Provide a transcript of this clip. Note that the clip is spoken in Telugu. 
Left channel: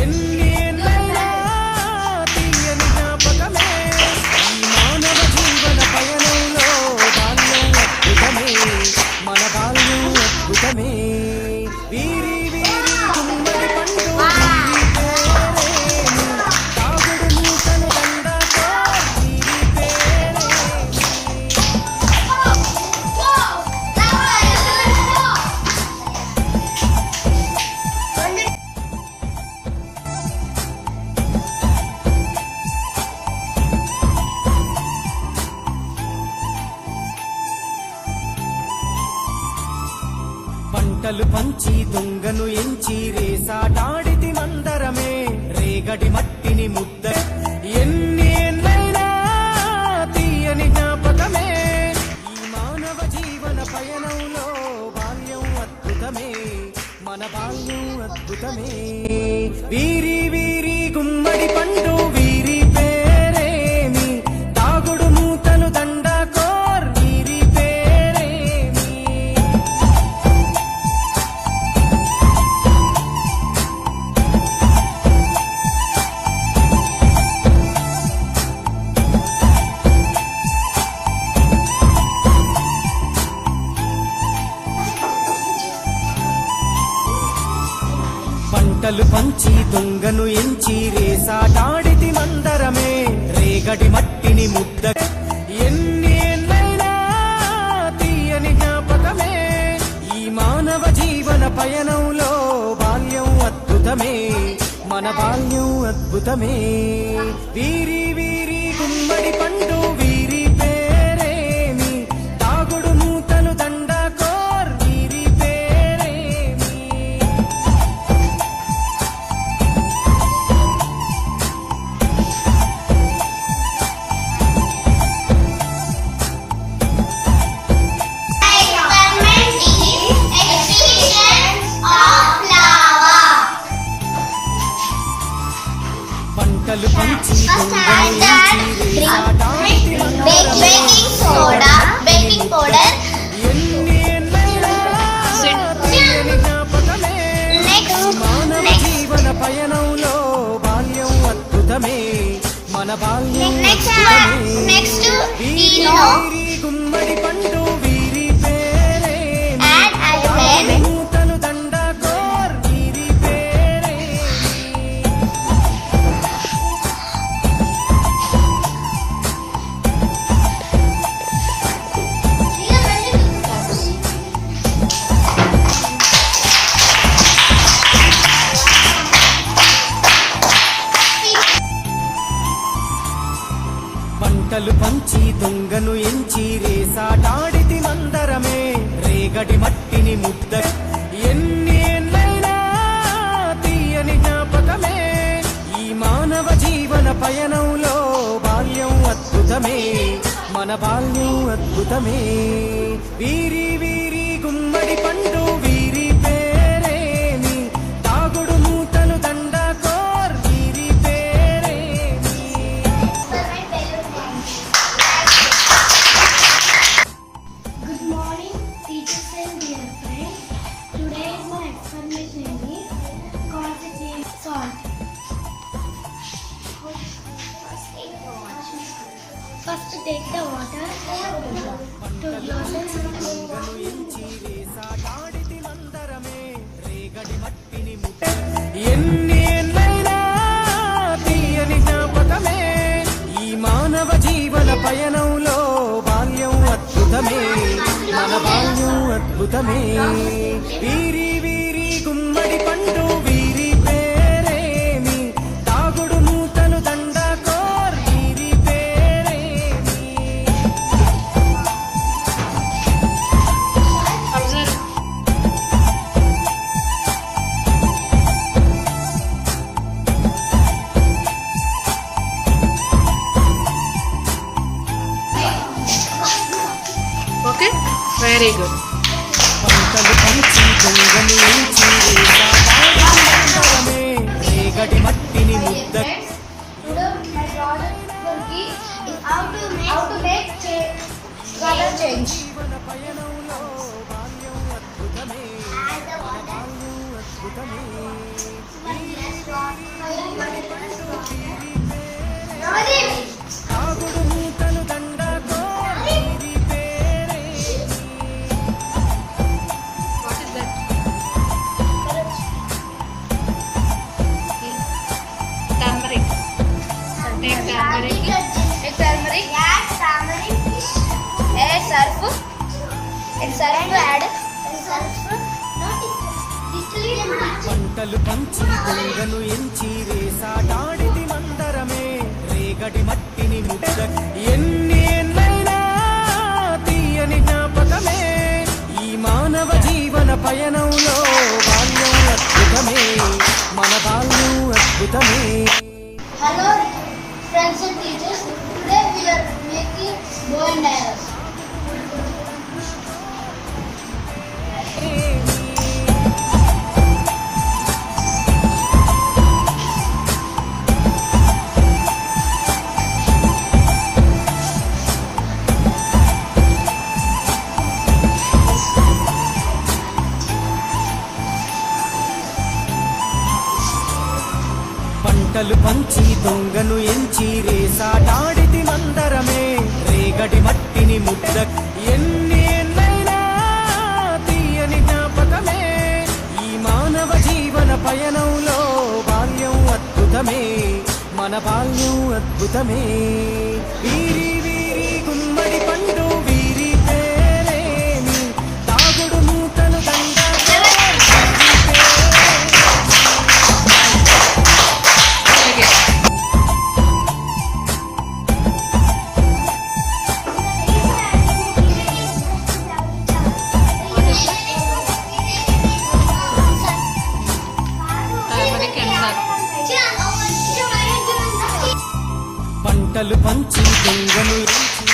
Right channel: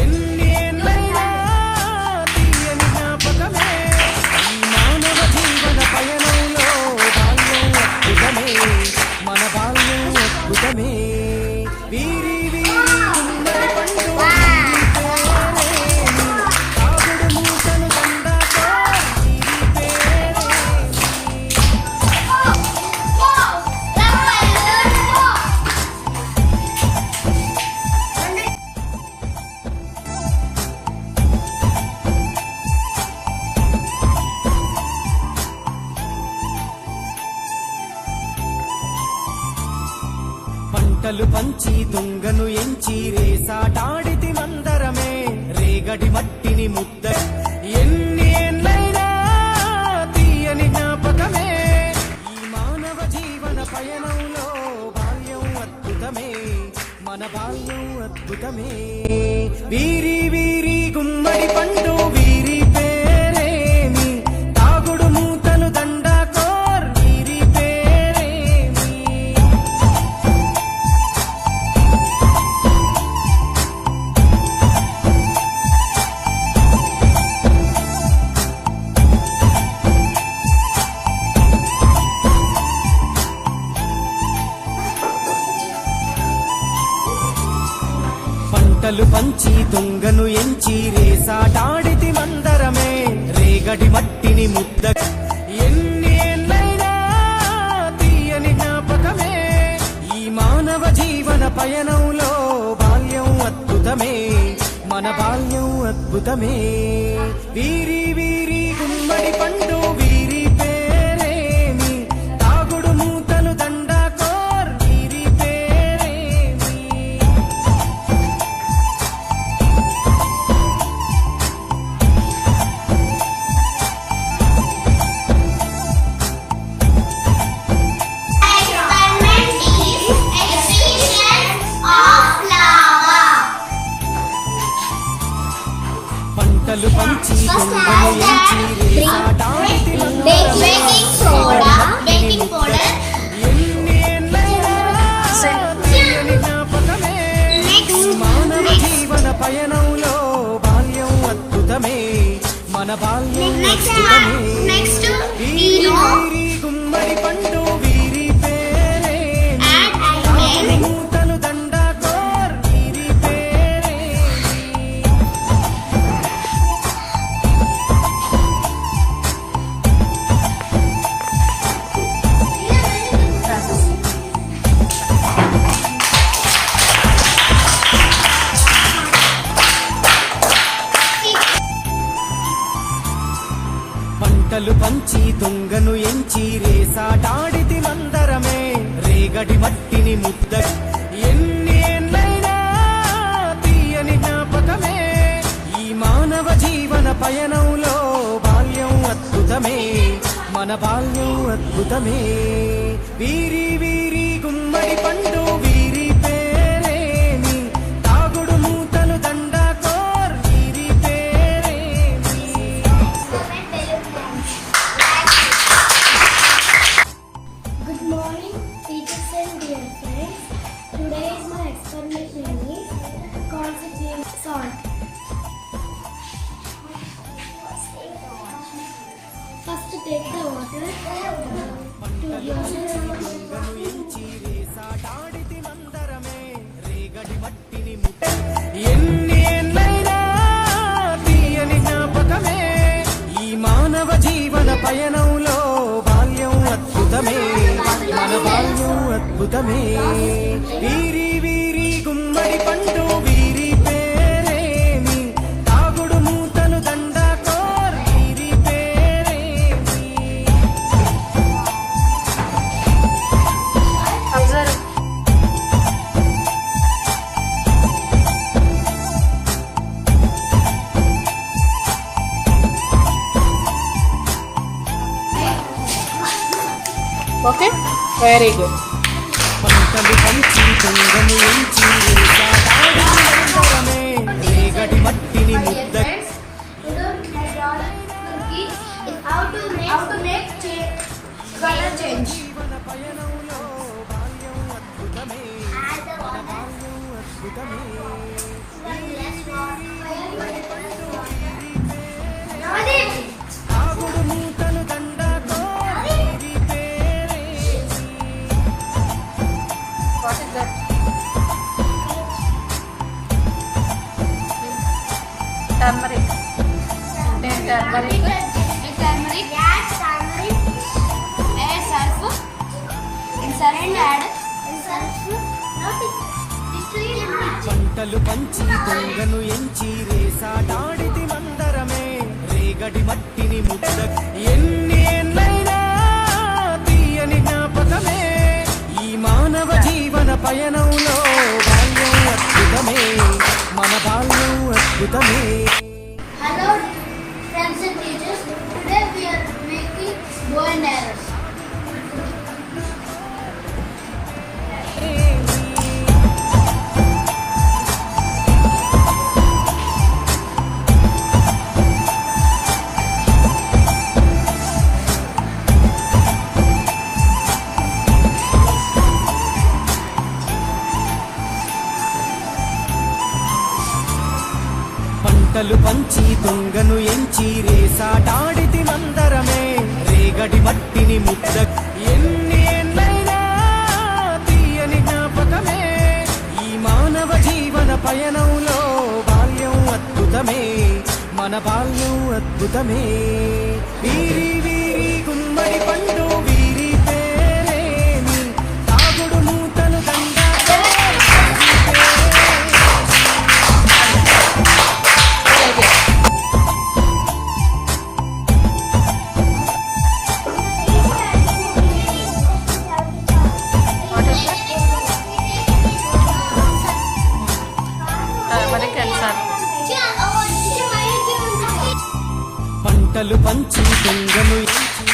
ఎన్ని ఏళ్ళైనా తీయని జ్ఞాపకమే ఈ మానవ జీవన పయనంలో బాల్యం అద్భుతమే మన బాల్యం అద్భుతమే వీరి వీరి గుమ్మడి పండు వీరి పేరేమి తాగుడు మూతను దండాకో వీరి పేరేమి పంటలు పంచి దొంగను ఎంచి రేసాటాడితి మందరమే రేగడి మట్టిని ముద్ద ఎన్ని ఏళ్ళైనా తీయని జ్ఞాపకమే ఈ మానవ జీవన పయనంలో బాల్యం అద్భుతమే మన బాల్యం అద్భుతమే వీరి వీరి గుమ్మడి పండు వీరి పేరేమి తాగుడు మూతలు దండాకోర్ వీరి పేరేమి పంటలు పంచి దొంగను ఎంచి రేసాటాడితి మందరమే రేగడి మట్టిని ముద్ద ఎన్ని ఏళ్ళైనా తీయని జ్ఞాపకమే ఈ మానవ జీవన పయనంలో బాల్యం అద్భుతమే మన బాల్యం అద్భుతమే వీరి వీరి గుమ్మడి పండు వీరి పేరేమి తాగుడు మూతలు దండాకోర్ వీరి పేరేమి పంటలు పంచి దొంగను ఎంచి రేసాటాడితి మందరమే రేగడి మట్టిని ముద్ద ఎన్ని ఏళ్ళైనా తీయని జ్ఞాపకమే ఈ మానవ జీవన పయనంలో బాల్యం అద్భుతమే మన బాల్యం అద్భుతమే వీరి వీరి గుమ్మడి పండు వీరి పేరేమి తాగుడు మూతలు దండాకోర్ వీరి పేరేమి పంటలు పంచి దొంగను ఎంచి రేసాటాడితి మందరమే రేగడి మట్టిని ముద్ద ఎన్ని ఏళ్ళైనా తీయని జ్ఞాపకమే ఈ మానవ జీవన పయనంలో బాల్యం అద్భుతమే మన బాల్యం అద్భుతమే వీరి వీరి గుమ్మడి పండు వీరి పేరేమి తాగుడు మూతలు దండాకోర్ వీరి పేరేమి Good morning, teachers and dear friends. Today my explanation is constitute salt. First take the water. పంటలు పంచి దొంగను ఎంచి రేసాటాడితి మందరమే రేగడి మట్టిని ముద్ద ఎన్ని ఏళ్ళైనా తీయని జ్ఞాపకమే ఈ మానవ జీవన పయనంలో బాల్యం అద్భుతమే మన బాల్యం అద్భుతమే వీరి వీరి గుమ్మడి పండు వీరి పేరేమి తాగుడు మూతలు దండాకోర్ వీరి పేరేమి ఓకే వెరీ గుడ్ పంటలు పంచి దొంగను ఎంచి రేసాటాడితి మందరమే రేగడి మట్టిని ముద్ద జీవన పయనంలో బాల్యం అద్భుతమే మన బాల్యం అద్భుతమే వీరి వీరి Turmeric. Take turmeric. Take turmeric. Add turmeric. Add surf. In surf add surf. Not distilled. పంటలు పంచి దొంగను ఎంచి రేసాడాడితి మందరమే రేగడి మట్టిని ముద్ద ఎన్ని ఏళ్ళైనా తీయని జ్ఞాపకమే ఈ మానవ జీవన పయనంలో బాల్యం అద్భుతమే మన బాల్యం అద్భుతమే. Hello, friends and teachers. Today we are making bow and arrows. పంటలు పంచి దొంగను ఎంచి రేసాడాడితి మందరమే రేగడి మట్టిని ముద్ద ఎన్ని ఏళ్ళైనా తీయని జ్ఞాపకమే ఈ మానవ జీవన పయనంలో బాల్యం అద్భుతమే మన బాల్యం అద్భుతమే. వీరి వీరి గుమ్మడి పండు వీరి పేరేమి తాగుడు మూతలు దండ వీరి పేరేమి. Very good. What is that? Turmeric and surf. పంటలు పంచి దొంగను ఎంచి